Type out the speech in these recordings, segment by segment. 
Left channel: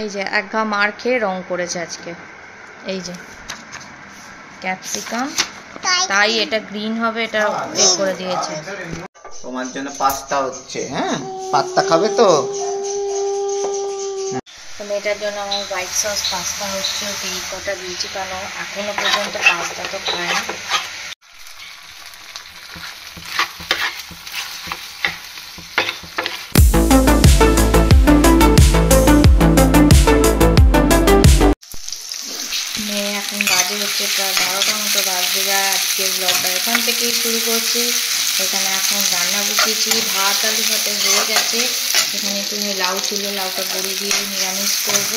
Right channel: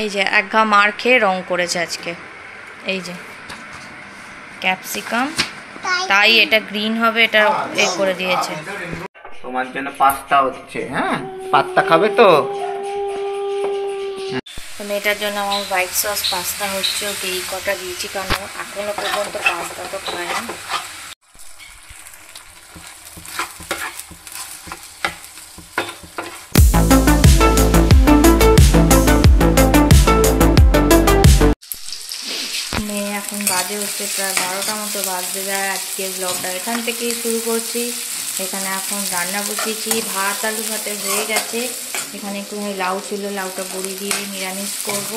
এই যে এক ঘা মার খেয়ে রং করেছে আজকে। এই যে ক্যাপসিকাম, তাই এটা গ্রিন হবে, এটা এ করে দিয়েছে। তোমার জন্য পাস্তা হচ্ছে। হ্যাঁ, পাস্তা খাবে তো? মেয়েটার জন্য আমার হোয়াইট সস পাস্তা হচ্ছে। ওকে এই কটা দিয়েছি কারণ এখনো পর্যন্ত পাস্তা তো খায় না। এখন বাজে হচ্ছে প্রায় 12টা মতো বাজতে যায়। আজকের ব্লগটা এখান থেকেই শুরু করছি। এখানে এখন রান্না বসিয়েছি, ভাত আলু ভাতে হয়ে গেছে। এখানে একটু লাউ ছিল, লাউটা বড়ি দিয়ে নিরামিষ করব।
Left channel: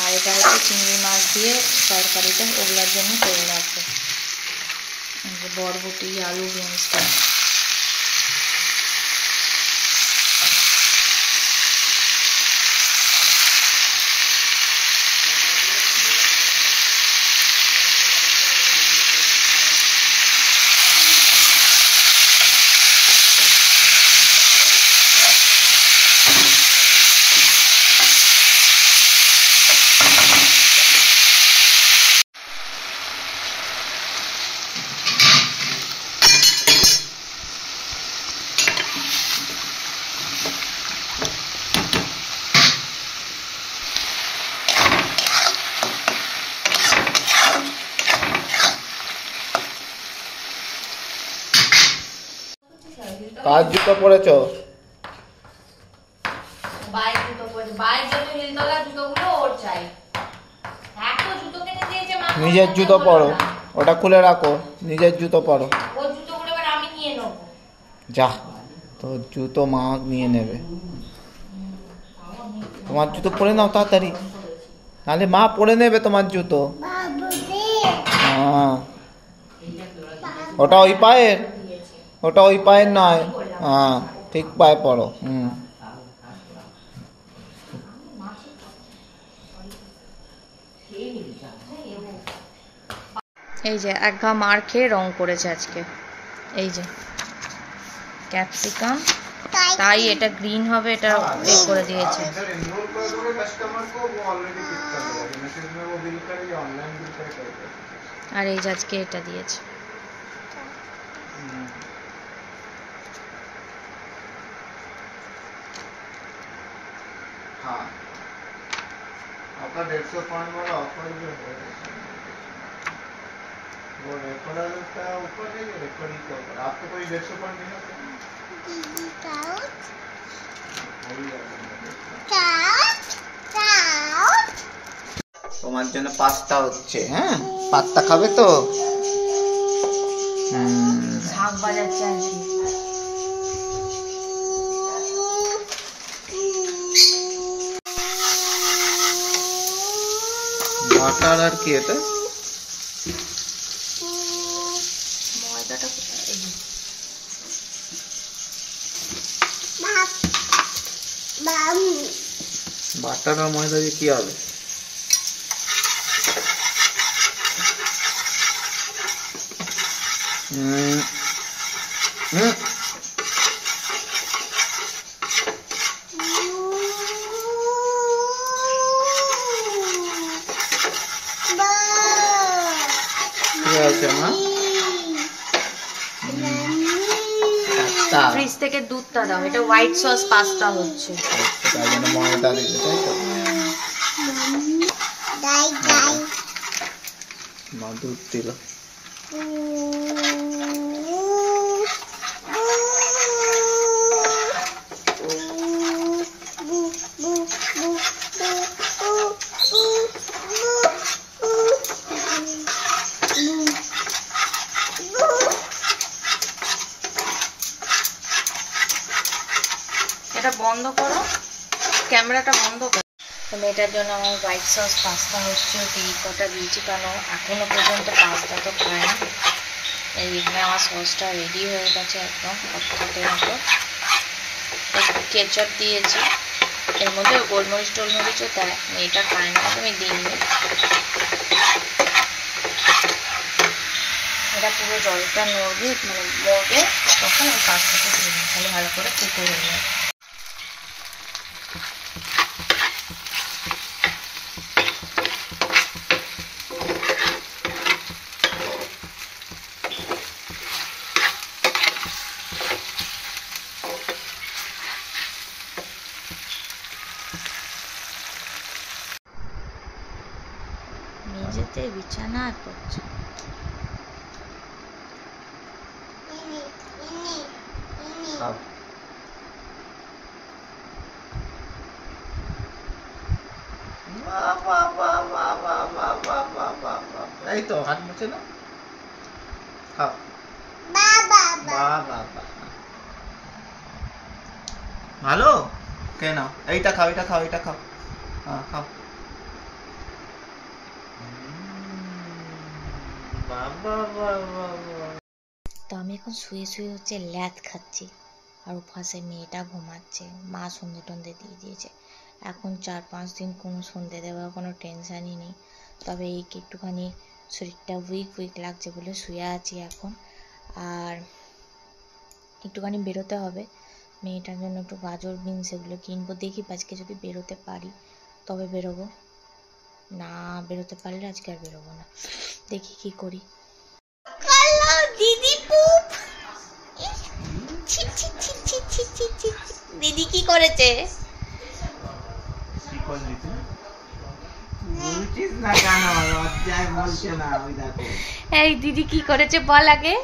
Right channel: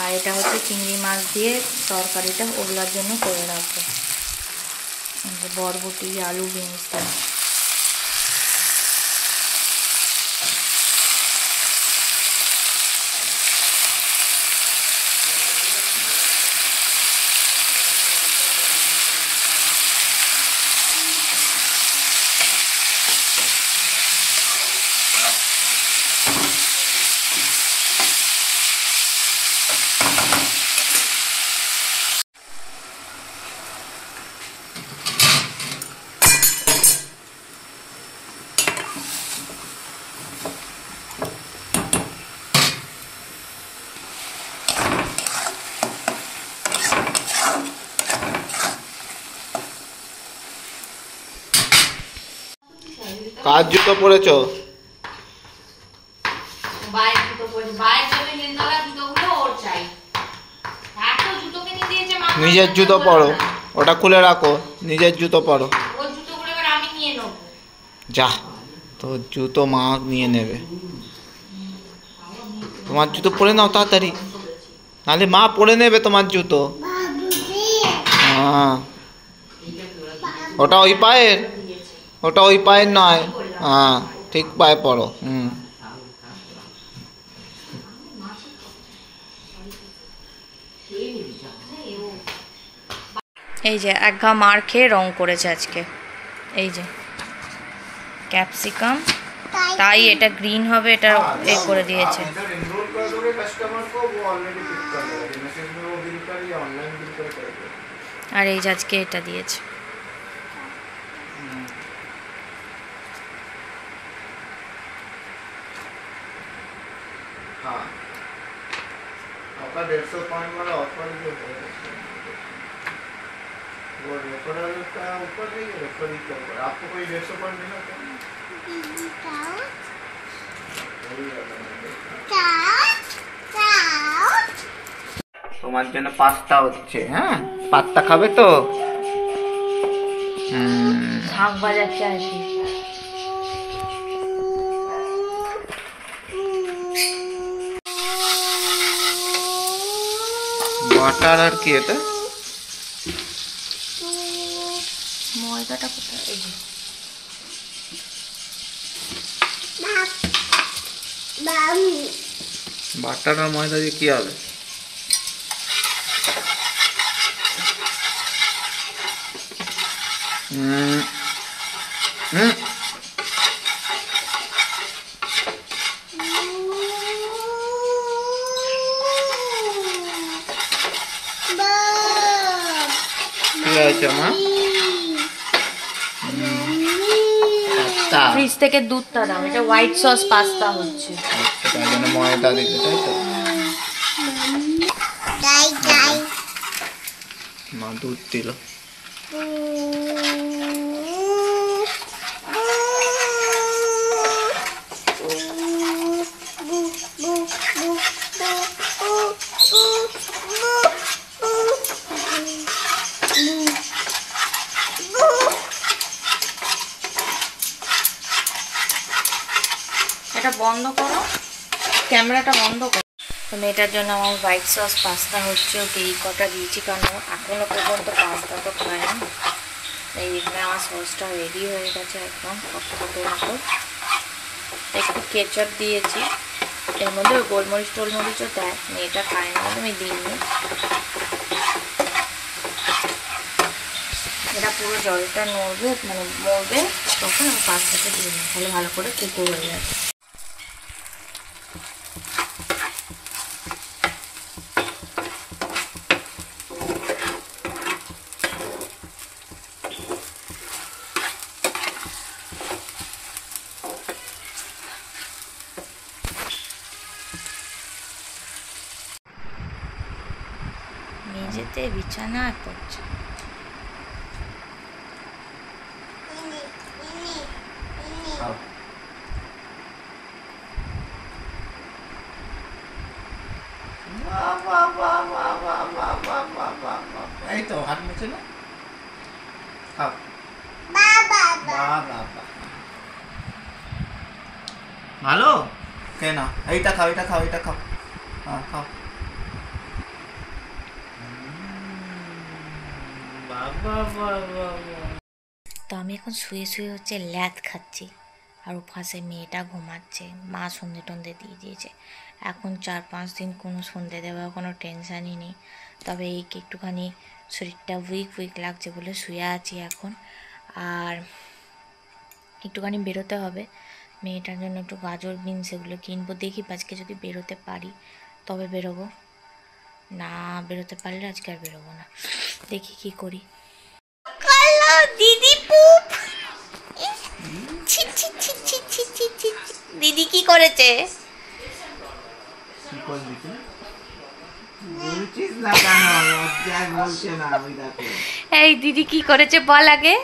আর এটা হচ্ছে চিংড়ি মাছ দিয়ে তরকারিটা, ওগুলোর জন্য করে রাখবো। বরবটি আলু বিনসটা। কার জুতো পরেছো? নিজের জুতো পরো, ওটা খুলে রাখো। নিজের জুতো পরো। যা, তোর জুতো মা নিয়ে নেবে। তোমার জুতো পরে নাও তাড়াতাড়ি, নাহলে মা পরে নেবে তোমার জুতো। হ্যাঁ, ওটা ওই পায়ের, ওটা ওই পায়ের নয়। হ্যাঁ, ঠিক পায়ে পড়ো। এই যে এক ঘা মার খেয়ে রং করেছে আজকে। এই যে ক্যাপসিকাম, তাই এটা গ্রিন হবে, এটা এ করে দিয়েছে। আর এই যে আজকে এটা দিয়েছে। हाँ, आपका 150 पॉइंट वाला ऑफर जो है वो रेफरल का ऊपर नहीं, रेफरल के ऊपर आपको कोई 150 पॉइंट मिला তোমার জন্য পাস্তা হচ্ছে। হ্যাঁ, পাস্তা খাবে তো? শাক বাজাচ্ছে আর কি। বাটার আর কি এটা? ময়দাটা কোথায়? বাটার আর ময়দা দিয়ে কি হবে? ফ্রিজ থেকে দুধটা দাও, এটা হোয়াইট সস পাস্তা হচ্ছে। তাই জন্য ময়দা দিতে, তাই তো? মা দুধ দিল। এটা বন্ধ করো, ক্যামেরাটা বন্ধ করো। তো মেয়েটার জন্য আমার হোয়াইট সস পাস্তা হচ্ছে। ওকে এই কটা দিয়েছি কারণ এখনো পর্যন্ত পাস্তা তো খায় না। এই এখানে আমার সসটা রেডি হয়ে গেছে একদম টকটকের মতো। একটু কেচাপ দিয়েছি, এর মধ্যে গোলমরিচ টোলমরিচও দেয়, মেয়েটা খায় না, আমি দিইনি। এটা পুরো জলটা নড়বে, মানে মরবে, তখন আমি পাস্তাটা দিয়ে দিই, তাহলে ভালো করে কুকো হয়ে যাবে। মেঝেতে বিছানায় পড়ছে। এই তো হাত মুছে না, খাও। ভালো কেন? এইটা খাও, এটা খাও, এটা খাও, খাও। তো আমি এখন শুয়ে শুয়ে হচ্ছে ল্যাদ খাচ্ছি, আর ওপাশে মেয়েটা ঘুমাচ্ছে। মা সন্ধে টন্ধে দিয়ে দিয়েছে। এখন 4-5 দিন কোনো সন্ধে দেওয়ার কোনো টেনশানই নেই। তবে এই একটুখানি শরীরটা উইক লাগছে বলে শুয়ে আছি এখন। আর একটুখানি বেরোতে হবে, মেয়েটার জন্য একটু গাজর বিনস এগুলো কিনবো। দেখি আজকে যদি বেরোতে পারি তবে বেরোবো, না বেরোতে পারলে আজকে আর বেরোবো না। দেখি কি করি। দিদি পুপ, দিদি কি করেছে? এই দিদি কি করেছে বল আগে,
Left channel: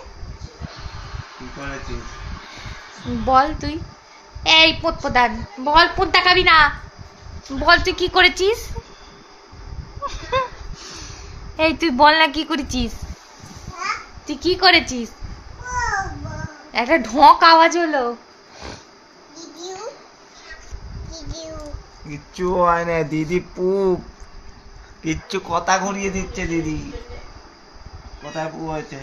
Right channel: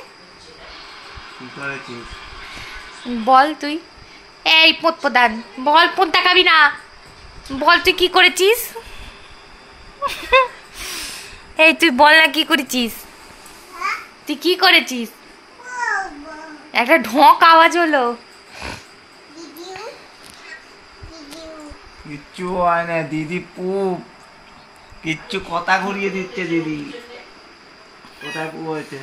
বল তুই। এই পোত প্রধান বল, পোত দেখাবি না, বল তুই কি করেছিস? এই তুই বল না কি করেছিস, তুই কি করেছিস? একটা ঢোক আওয়াজ হলো। কিচ্ছু হয় না দিদি পুপ, কিচ্ছু কথা ঘুরিয়ে দিচ্ছে দিদি। কোথায় পুপ হয়েছে?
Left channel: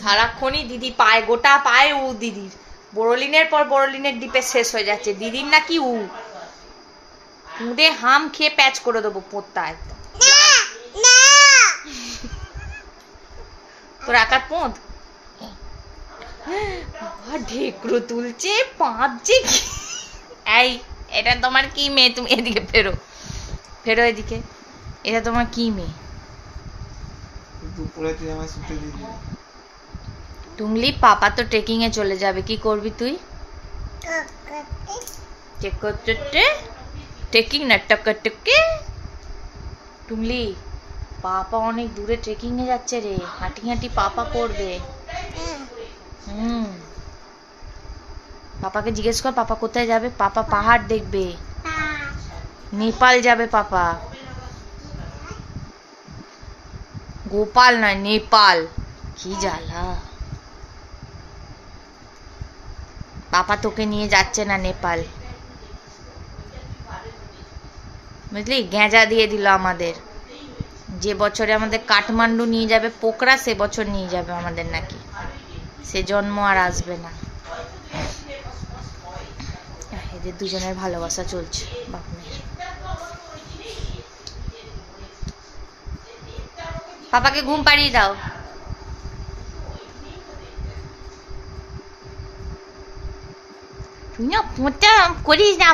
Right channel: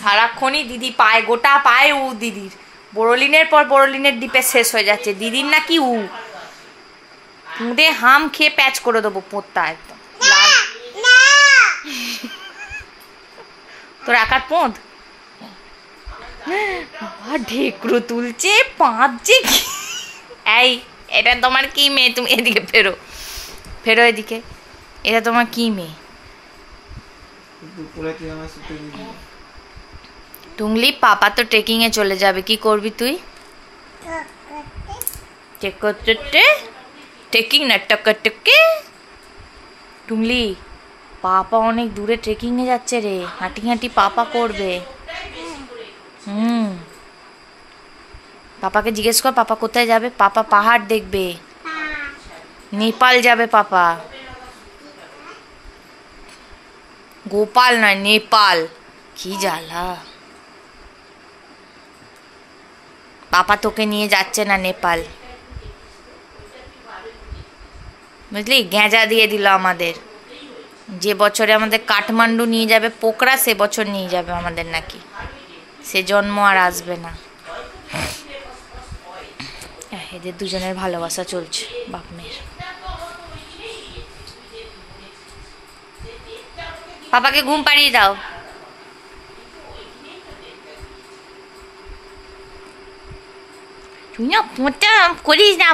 সারাক্ষণই দিদি পায়, গোটা পায় উ দিদির। বড়লিনের পর বড়লিনের ডিপে শেষ হয়ে যাচ্ছে, দিদির নাকি উ। মুদে হাম খেয়ে প্যাচ করে দেবো পোতটা একদম। তোর একার পোঁত ঢেকরো তুলছে, পাঁচছে। এই এটা তোমার কি মেয়ে? তুমি এদিকে ফেরো, ফেরো এদিকে। এটা তোমার কি মেয়ে? টুংলি পাপা তো ট্রেকিং এ চলে যাবে, কি করবি তুই? ট্রেকিং না টকে। টুংলি পাপা অনেক দূরে ট্রেকিং এ যাচ্ছে রে, হাঁটি হাঁটি পাপা করবে। পাপাকে জিজ্ঞেস কর পাপা কোথায় যাবে। পাপা পাহাড় দেখবে, নেপাল যাবে পাপা। গোপাল নয়, নেপাল। কি জ্বালা, পাপা তোকে নিয়ে যাচ্ছে না নেপাল, বুঝলি? গেঁজা দিয়ে দিল আমাদের। যে বছরে আমাদের কাঠমান্ডু নিয়ে যাবে পোকরা, সে বছর নিয়ে যাবে আমাদের নাকি, সে জন্ম আর আসবে না। এদের দুজনের ভালোবাসা চলছে বাপ মেয়ের। পাপাকে ঘুম পাড়িয়ে দাও। তুই না পোঁতা করিস না।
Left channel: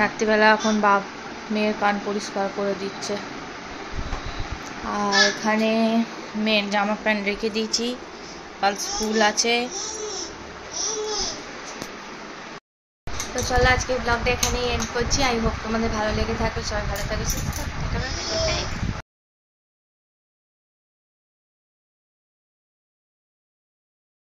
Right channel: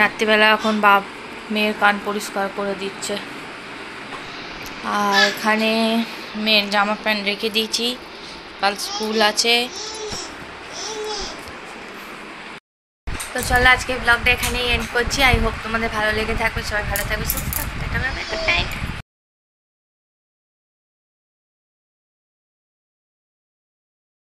রাত্রিবেলা এখন বাপ মেয়ের কান পরিষ্কার করে দিচ্ছে, আর এখানে মেয়ের জামা প্যান্ট রেখে দিয়েছি, কাল স্কুল আছে। তো চলো আজকে ব্লগটা এখানেই এন্ড করছি। আই হোপ তোমাদের ভালো লেগে থাকবে, সবাই ভালো থাকবে, সুস্থ থাকবে।